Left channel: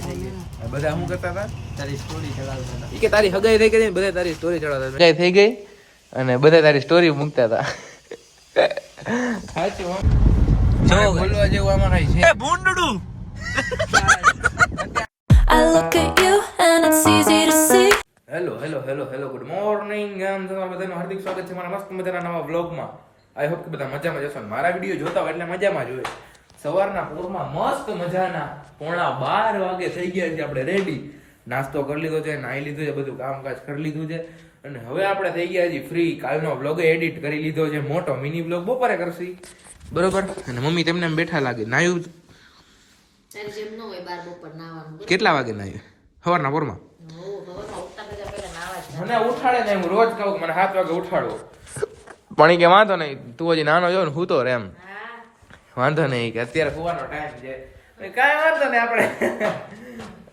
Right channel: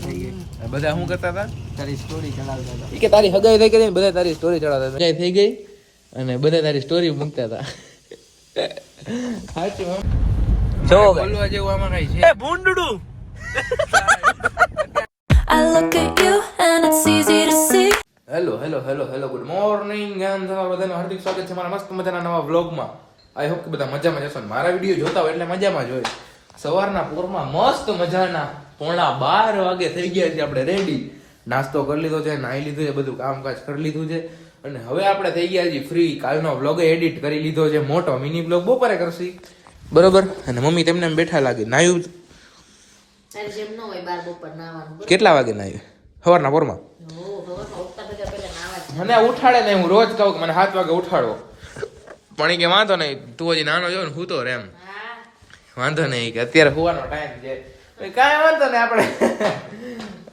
બધા શું કરતા હતા? તારી સ્ટોરી ચડાવતા હતા. ઈ કે તારી હગાઈ થઈ ગઈ, બધા તારી સ્ટોરી ચડાવતા હતા. હગાઈ થઈ ગઈ અને બધા તારી સ્ટોરી મૂકતા હતા. સાચું હમ. જો બોલવા જેવું આમાં કઈ છે? એ ભૂંડડું. I look at you and it's easy to see. Hello good morning ગામ. તમારા બધાનું હાર્દિક સ્વાગત છે મારા મસ્ત મજાના નવા વ્લોગમાં. આઈ હોપ કે બધા મજામાં જશો ને મારા વિડીયો જોતા હોય એટલે મજામાં જ હોય. સવારના પોરમાં મસ્ત મજાના 11:30 વાગે થઈ ગયા છે. આપણે રેડી નાસ્તો કરી લીધો છે, નાઈ લીધું છે, બધું કામકાજ કરી લીધું છે અને હવે આપણે થઈ ગયા છીએ ફ્રી. કાલનો વ્લોગ એડિટ કરી લીધો છે, મોટો મિની વ્લોગ બપોરે કરશી બરોબર. અને મમ્મી તેમને બેઠા લાગે. નાયું કેટલા વાગે નાયું? સવારના પોરમાં. મને ઉઠાડે ને હું રોજ કહું કે મને 7 વાગે ઉઠાડવો, પણ એ કે વાંધો નહીં, તું હજી નાનો જો ને હું તો એમ વાંધો નહીં કે અત્યારે સુવાનો ટાઈમ છે, કાંઈ વાંધો નહીં આપણે.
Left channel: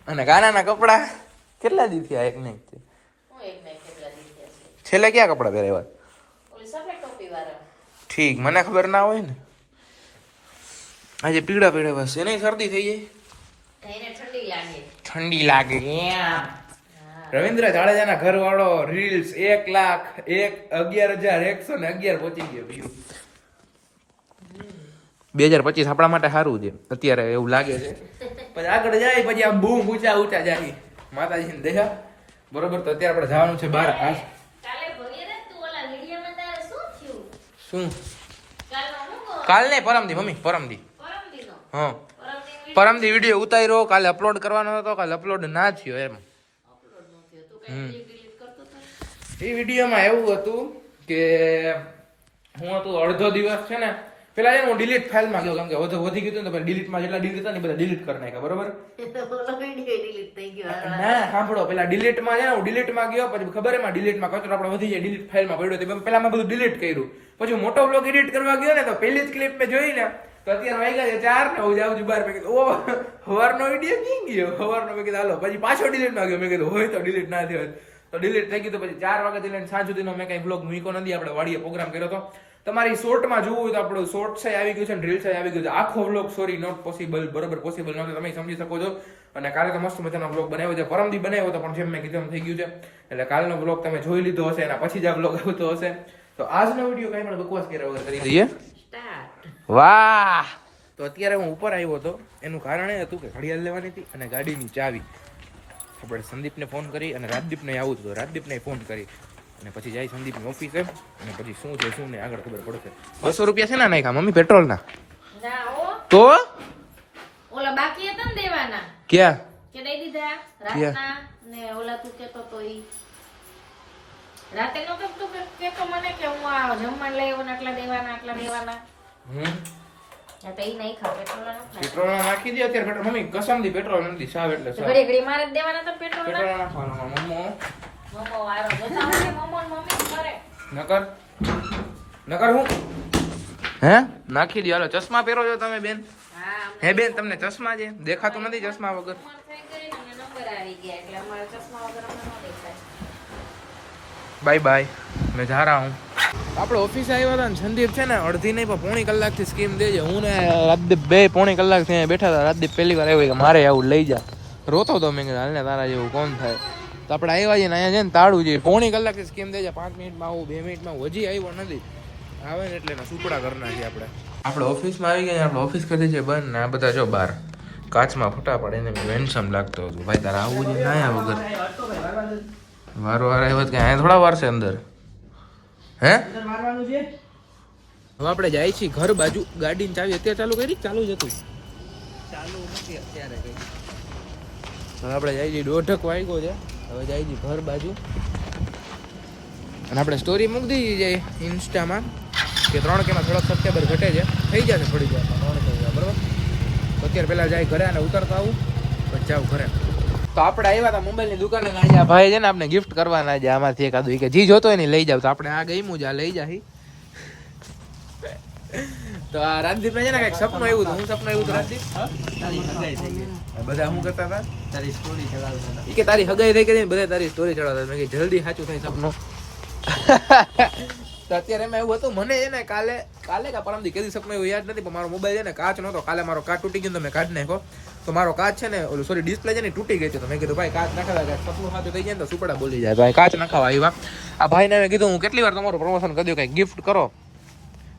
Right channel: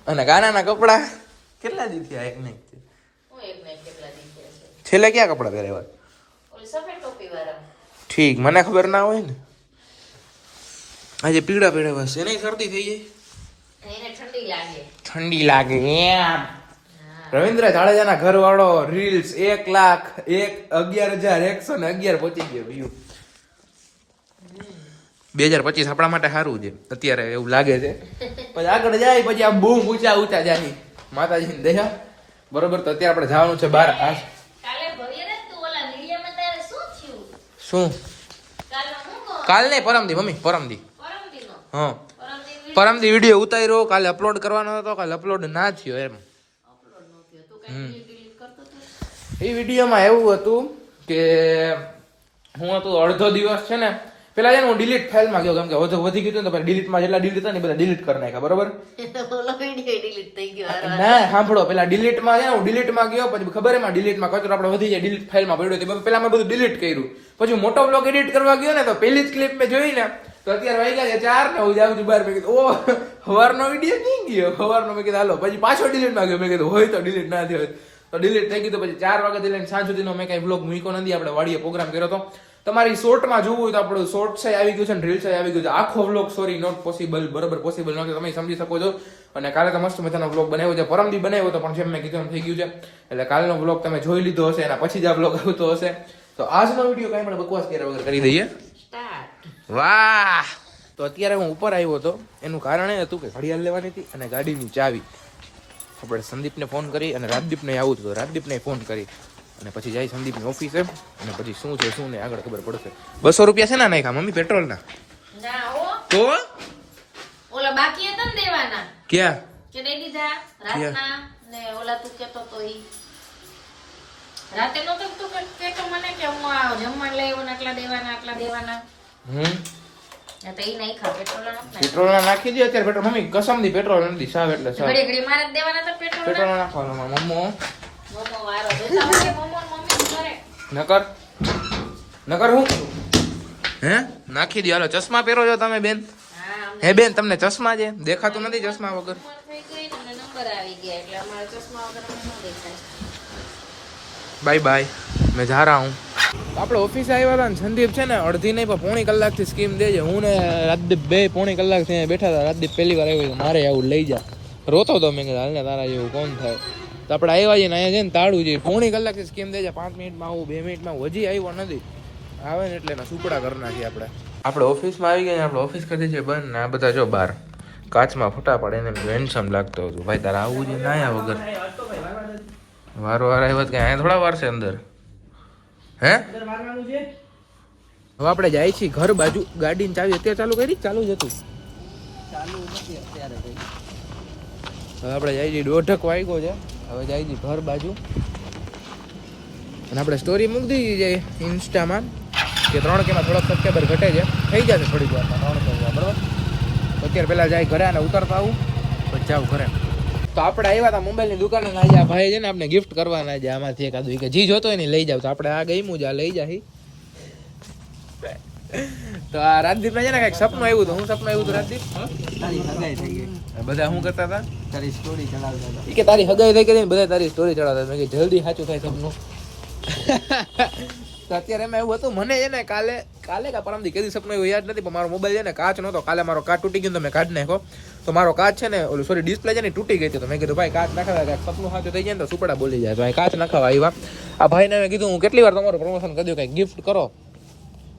અને ગાનાના કપડા કેટલા દી થયા? એક નહીં છેલ્લે ક્યાં કપડા પહેર્યા? ઠીક, મને ખબર ના હોય ને. આજે પીળા પહેર્યા બસ, એને શરદી થઈ જાય, ઠંડી લાગે. રવિન્દ્ર જાડેજાના ઘર વાળો રીલ્સ 1,11,111 પહોંચી ગયો વ્યૂ. 2025 આપણા માટે સારું છે અત્યારે એવું લાગે છે. પછી આગળ જાય પછી આ બહુ ઊંચા જાય માતાજીની દયા બરોબર. તો અત્યારે આપણે જવાનું છે બહાર. શું કાલ નહીં, પરમદી મમ્મી, પરમદી. હા, પરમદી વિડીયો ઉતાર્યો, કાલે અપલોડ કરવાનો હતો, કાલે અપલોડ ના થયો એમ. એ વિડીયોમાં એવું હતું કે હું હતું અડધો દિવસ છે ને પેલા છે ને હું ડિલીટ ફાઇલમાં ગયો, કેમ કે વધી ગયું તો ડિલીટમાં જેટલા ડિલીટ હતા ને બધા ડિલીટ કરી નાખ્યા બરોબર. ના સાંભળો, પેલા ડિલીટમાં છે ને હું ડિલીટમાં ગયો, પછી ખબર એમાં ડિલીટમાં કચરો આપણે વધી જાય, ડિલીટ ફાઇલમાં પડ્યો. પેલા મેં બધું ડિલીટ કર્યું, પછી મોટો બ્લોગ એડિટ કરવા ગયો ને તો પેલી જ ક્લિપ મેં જોઈ ને તો અત્યારે વાગ્યા છે 4 ને હું જાઉં છું બહાર. મેં કીધું ઓ સવારનો વિડીયો ક્યાં ગયો? સવારનો મેં કીધું હાલો, પછી પાછો ડિલીટમાં ગયો. મેં કીધું હોય તો ડિલીટ ના થયો તો ડિલીટ થઈ ગયું. તો પછી 4 વાગ્યાથી લઈને સાંજ સુધીનો મેં કઈ બ્લોગ મૂક્યો નથી. આપણે વાડીએ પ્રોગ્રામ કર્યો હતો. તમારી શોર્ટમાં જોવું હોય તો આપણું શોર્ટ છે આવી ગયું છે ને રીલ્સ આવી ગયું છે. આખો વ્લોગ સોરી નોટ પોસિબલ, બરાબર પોસિબલ નહોતું, તમે સમજી શકો છો. અને કાલે તો મસ્ત મજાનો વ્લોગ બનાવ્યો છે, પરમદી બનાવ્યો હતો પણ જેમ મેં કીધું એમ થઈ ગયું છે. એટલે કાલનો વ્લોગ તમે જોઈ લીધો હશે, એના પછી જ આ વ્લોગ આવતો હશે. તો આજનો વિડીયો કઈ પણ બકવાસ કર્યા વગર કરી દઈએ. વાહ! તો અત્યારે હું ઉપર આવ્યો હતો, એનું કારણ એ હતું કે ઘડિયાળ લેવાની હતી અને ગાડીની ચાવી. આપણે સંદીપને ફોન કરી અને રાજદીપને આવું હતું, રાજદીપને ફોન કરી અને પછી જાય સંદીપની ઓફિસે અને પછી શું છે શું નહીં આગળ ખબર પડશે. 200 રૂપિયા છે ના નાખ્યા મમ્મી પેટ્રોલના? તો ઓલા બાકી હતા ને દેવાના, ક્યાં કે દઈ દીધા રાતના ને ઓલા તું કેતો તો ઈ રાતે નતો તું કેતો મને કે હું આ જમવાનું લઈ આવ્યો ને આટલા દેવાના. તો ઈ નહીં ખા પેટ્રોલ પેટ્રોલ નાખી દે અત્યારે. પેટ્રોલ મમ્મી કસમથી પેટ્રોલ નથી, સાવ એટલે સાવ ઘડી મારે જ દેવાના હતા પેટ્રોલ નાખવાનું. મમ્મો વાળો જોતા મને મમ્મી કરે નકર હું હે નાખી દે. હાલો ચશ્મા પહેરો છો તમે બેન? હે બેન તમને ચશ્મા છે દેખાતું નથી ચશ્મા વગર? નંબર આવી ગયા એટલે અમારા ચશ્મા વગર ન દેખાય. બાય બાય, મેં જા રહા હું. આપણે ઓફિસે આવ્યા હતા ને સંદીપ છે ને અડધી નહીં પણ પોણી કલાકથી સ્કીમ દેજે. હું ને રાજદીપ બે પોણી કલાકથી બેઠા હતા. રાજદીપ પહેલી વાર આવ્યો કે મારે આવું લઈ જા, રોતો હતો. મેં કીધું હાલને તારા જેવું કોણ થાય. તો આપણે આવ્યા છીએ ને અહીંયા છે ને તાળું છે, પોણી કલાકથી સ્કીમ દેજે. 5 મિનિટમાં આવું, 2 મિનિટમાં હજી આવ્યો નથી. આવે ને એટલે એના સુપડા કરી નાખીએ આપણે ઓફિસમાં આવી ગયા. આપણે ઓફિસ કરી છે બંધ ને આ બધા જો બહાર કાચમાં ફોટા પડે એને વેન્સમ લાગતો હતું. ભાઈ તારે આવું છે ના આવ્યા વગર વારો વાર આવ્યો કે અહીંયા થોડા વાર છે અંદર. હે હવે આપણે જાય છીએ ઘર બાજુ. ગાડીની ચાવી અત્યારે ચાલુ કરી? ચાલુ જ હતું, ચાલુ નથી અત્યારે. હવે આપણે જાય છીએ, 1:30 વાગ્યો છે. હવે જાય છીએ ઘર બાજુ અને આપણે સ્ટોરી મૂકી દીધી છે ઇન્સ્ટામાં કે 3Kમાં થોડાક સબસ્ક્રાઈબર ઘટે છે, થઈ જશે થોડીક વારમાં 3K બરાબર. તો અત્યારે પહેલાં જાય ઘરે અને ઉતરતા આવું પછી જાઉં ઘરે. તો આપણે આવ્યા હતા મોબાઈલની દુકાને ને આજે ભાઈ છે ને આપણે ગિફ્ટ કરવાના છે આમાંથી એકાદું કે જી જોતો એને લઈ જાવ. તો આપણે આ ગઈ મુજા લઈ જાય. તો આ રાજદીપ છે ને કઈક સપનું આવ્યું હતું. હું સપનું આવ્યું હતું રાજદીપ? તારી હગાઈ થઈ ગઈ. બધા શું કરતા હતા? તારી સ્ટોરી ચડાવતા હતા. કે તારી હગાઈ થઈ ગઈ બધા તારી સ્ટોરી ચડાવતા. મેં કીધું જલ્દી સાચું થાય સપનું. તો અત્યારે એમાં એવું હતું મને છે ને કાલે કે પરમદી કદી સપનું એવું યાદ નથી પણ મારો મોબાઈલ છે ને કાચ નહોતો કાલે મારો કાચ તૂટી ગયો તો મેં કાઢી નાખ્યો તો મારો કાચ છે ને ઓલું સોરી ડિસ્પ્લે છે ને તૂટી ગઈ હતી તો મેં કીધું ભાઈ કાચ નાખાવા કાંઈક સપનું સાચું થઈ જાય ને તો સુપડા બોલી જાય ભાઈ કાચ નાખાવા આવ્યા આ ભાઈને કીધું હું કેટલી વાર તમારું પ્રમોશન કરી દઉં કંઈક ગિફ્ટ કરો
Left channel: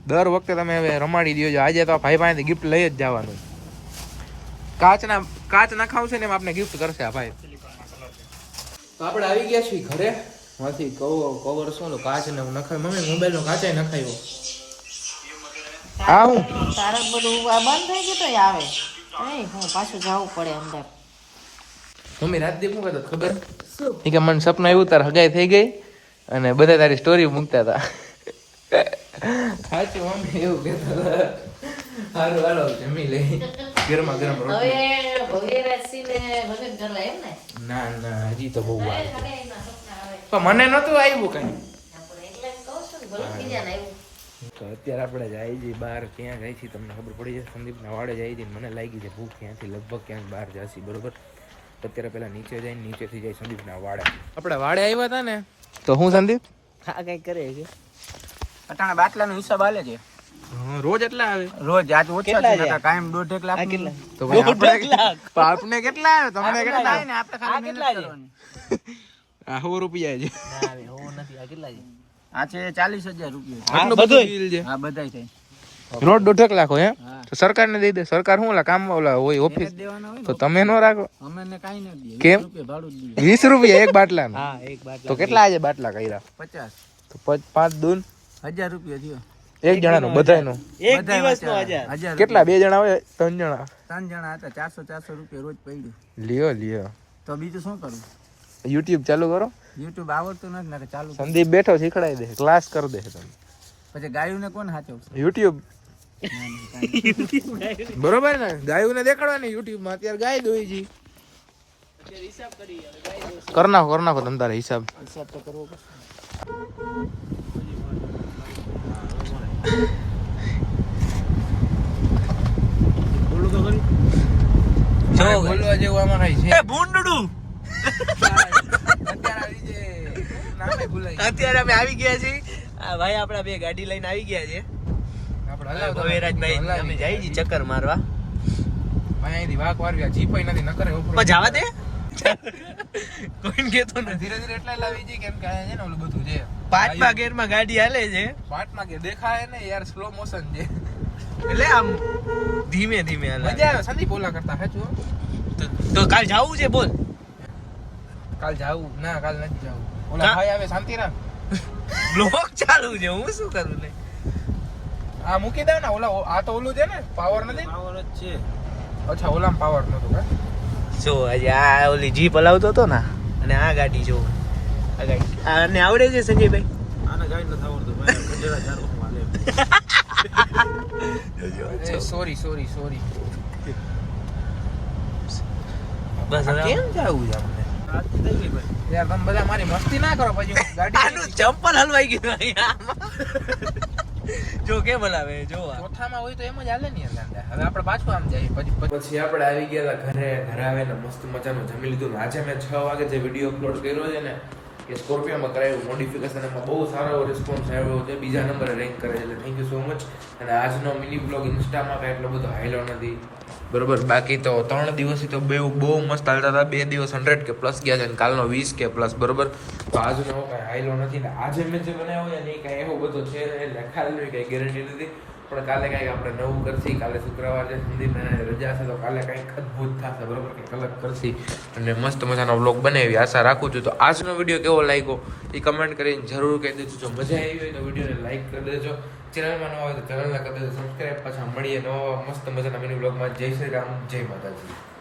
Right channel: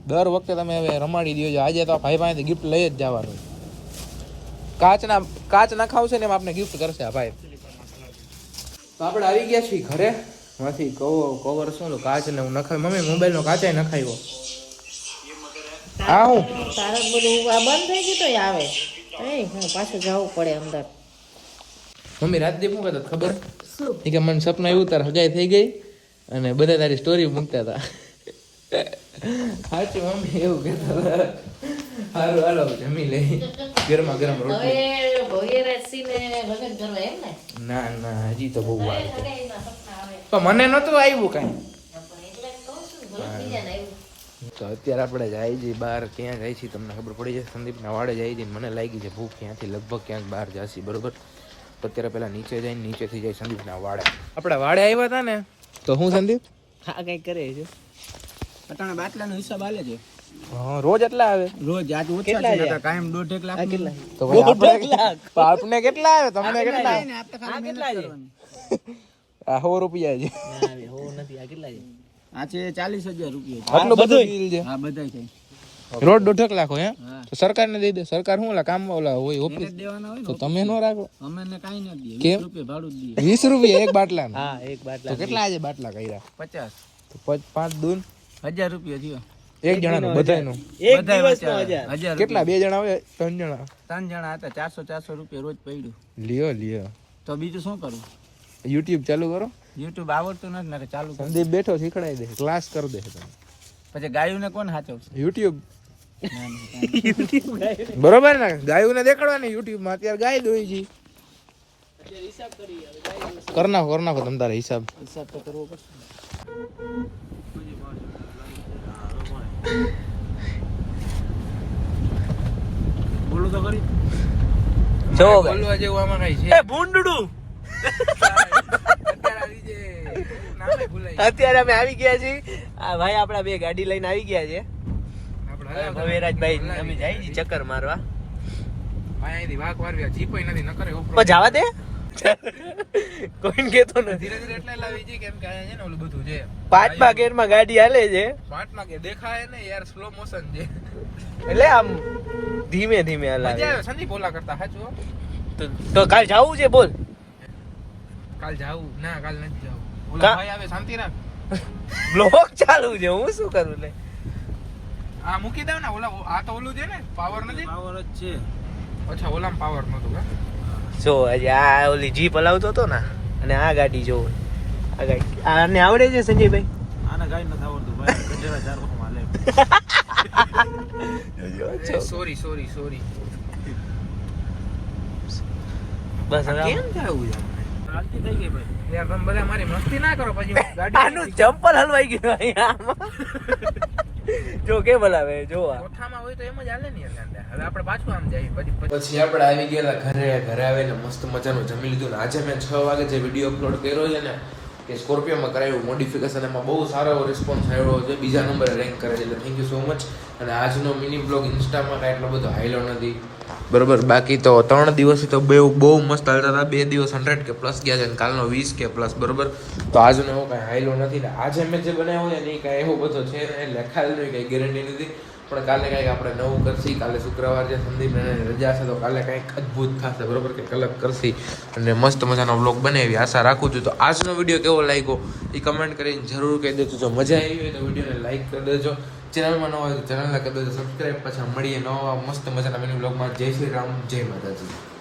દર વખતે તમે હવે રમાડી દો આજે તો ભાઈ પાસેથી ગિફ્ટ લઈ જ જવાનું કાચ નખાવશે ને એમ આપણે ગિફ્ટ કરશે આ ભાઈ તો આપણે આવી ગયા છીએ ઘરે માંથી કવર શું કાચ ને હું નખાય મમ્મી મોબાઈલ નો કાચા નખાયો હા હું તારે બધું આ બંધ થઈ ગયું તો આવે હું પાછું જવું પડે અંદર મમ્મી રાતદીપ શું કહેતા ખબર એ કે મને સપનું આવ્યું તાર હગાઈ થઈ ગઈ અને બધા તારી સ્ટોરી મૂકતા હતા સાચી મમ્મી એવું કહેતા સારું હાલો જમી લઈ ગરમા ગરમ રોટલી હવે ભવ્યરાજસિંહને લગ્ન કરવા એમ ને ના ના હજી તો બહુ વાર છે પણ મને નહોતું આવ્યું કાંઈ એટલે કહું છું ભલે બીજાને આવ્યું તો અત્યારે આપણે જાય છીએ બહાર ક્યાં જાય છે તમને ખબર પડી જાય સંદીપના વાડે જાય છે મને લાગી છે ભૂખ ક્યાંથી લગભગ ક્યાંક બહાર જાશી બરોબર તો અત્યારે પહેલા નીચે જઈને નીચેથી જાય સંદીપના વાડે આપણે વાડે આવ્યા હતા ને તો હું સંદીપ હા કઈ કરે છે અટાણે બાટલાનો હિસાબ આલે છે રોજ એટલા આવે રોજ આજ ઓછા છે કાયમ 1.5 લાખ તો ભાઈ આપણે કેટલા આવે તમને કેટલા આવે આપણે ખાલી કેટલા છે આ 100 રૂપિયા છે નથી આ કેટલા છે આ છે 40,000 રૂપિયા આટલું બધું બિલ છે હા બધાય થઈ રોજ 1.5 લાખ હોય તો સરકારને દઈ દે સરકાર શું ઓલા કામમાં ઓલા હોય ઓફિસ દેવાના હોય તો તમે નો રાખો અમે ને કાઈ ન દઈએ કેમ? 20 રૂપિયા ભાડું જ દઈએ 20 રૂપિયા એક બાટલાનું હા એક બાટલા તો કેટલા આજે બાટલા કર્યા 50 તો 5 દૂન 1000 રૂપિયા થયો એક જણાનું બધાયનું એક દિવસનો 1000 કેટલા 2 જણા હોય 3 જણા 3 જણા હતા 400 રૂપિયા રોજ પડ્યું લ્યો તો બીજું શું કરું YouTube ચાલુ કરો YouTube આવડતું નથી ને ચાલુ કરું. સંદીપ બેઠો શીખડાઈ દે ક્લાસ કરી દે તમે પછી ગાયોને કોણ હાચવશે YouTube બરોબર ને ગાયોને દેખાડવાની YouTube માં અત્યારે ગાય દોઈ જી કર નાખો તમારા હિસાબ તો કરવો પડશે બોલું તો કરી જો બોલવા જેવું આમાં કઈ છે એ ભૂંડડું અત્યારે અમે આવી ગયા છીએ આ ભાઈ આપણા બે ગાડી લઈને આવી ગયા છે ભવેરાજભાઈ અમે જઈ છીએ ચક્કર મારવા ભાઈ અહીંથી વાક વારવી જીપાઈ નથી નકરે પણ જવા દે કોઈ કેતો નથી ધીરે ધીરે એટલા લાવી છે કેમ કે અહીંયા છે ને ઓલું બધું છે 5મા ગેરમાં ગાડી હાલે છે 5માં કે દેખાય ને યાર સ્લો મોશન છે એટલે આમ ધીમે ધીમે હાલે મજા આવે સંદીપ ઓલા કરતા સાચું તો કાલ જાવું છે બોલ કાલ જાવું ના કાલ નથી જાવું ઓલા ભાઈ આવે શાંતિ રાખ બ્લોક ચાલુ છે હું શું કરું ને આ મૂકી દઉં ને ઓલા આ તો ઓલું છે ને પાવર નથી પાવર જ છે અચ્છા ઓલામાં પાવર નતું હે જો આજે આ ઓલી જીપ હલાવતો હતો ને અને આ ગાડી જો આને આવડે છે સંજયભાઈ આને ગાડી નથી આવડતું ભાઈ કચેરા ચાર હાલે સોરી બસ કેમ જાવું છે યાર તમે બધા મારી મસ્તી ના કરો પછી ગાડી આનું ચંપલ હલવાઈ ગયું અહીંયા જો કે બોલાવે જો કોઠામાં હોય તો એમ જ હાલે ને યાર હવે આપણે પાછું આમ જઈએ પછી આપણે આવી ગયા ઘરે આવીને મસ્ત મજાનું જમી લીધું ને આજે મેં 6 વાગે જે વિડીયો અપલોડ કર્યો છે ને એ સ્કોર્પિયોમાં કરાયું મોડિફિકેશન એમાં બહુ સારો એવો રિસ્પોન્સ આવ્યો છે બીજા નંબરે રેન્ક કરે છે એટલે થેન્ક યુ સો મચ અને આજનો મિની બ્લોગ ઇન્સ્ટામાં કાંઈ એટલો બધો હાઈલો નથી બરોબર બાકી તો 3 દિવસથી તો બહુ મસ્ત હાલતા હતા 2 દિવસ 100K પ્લસ ગયા છે અને કાલનો 20K પ્લસ બરોબર તો આજનો એવો કાંઈ હાઈલો નથી ને આજે મેં જે બનાવ્યો ને એ કાંઈ એવો બધો છે લખાયેલું કાંઈ ગેરંટી નથી પણ કાલે કાંઈક આપણે નવું કરશી કાલે શુક્રવાર છે સંદીપને રજા છે તો કાલે કાંઈક અદ્ભુત થશે બરોબર કે કલક કરશી અને મસ્ત મજાનો વ્લોગ બનાવી આશા રાખું છું તો આજનો વિડીયો કેવો લાગ્યો એ કમેન્ટ કરીને જરૂર કહી દેજો જો મજા આવી હોય તો વિડીયોને લાઈક કરી દેજો ચેનલમાં ન હોય તો ચેનલને કરી દેજો સબસ્ક્રાઈબ પાછા મળીએ નવા મસ્ત મજાના મિની વ્લોગમાં જય શ્રી રામ જય માતાજી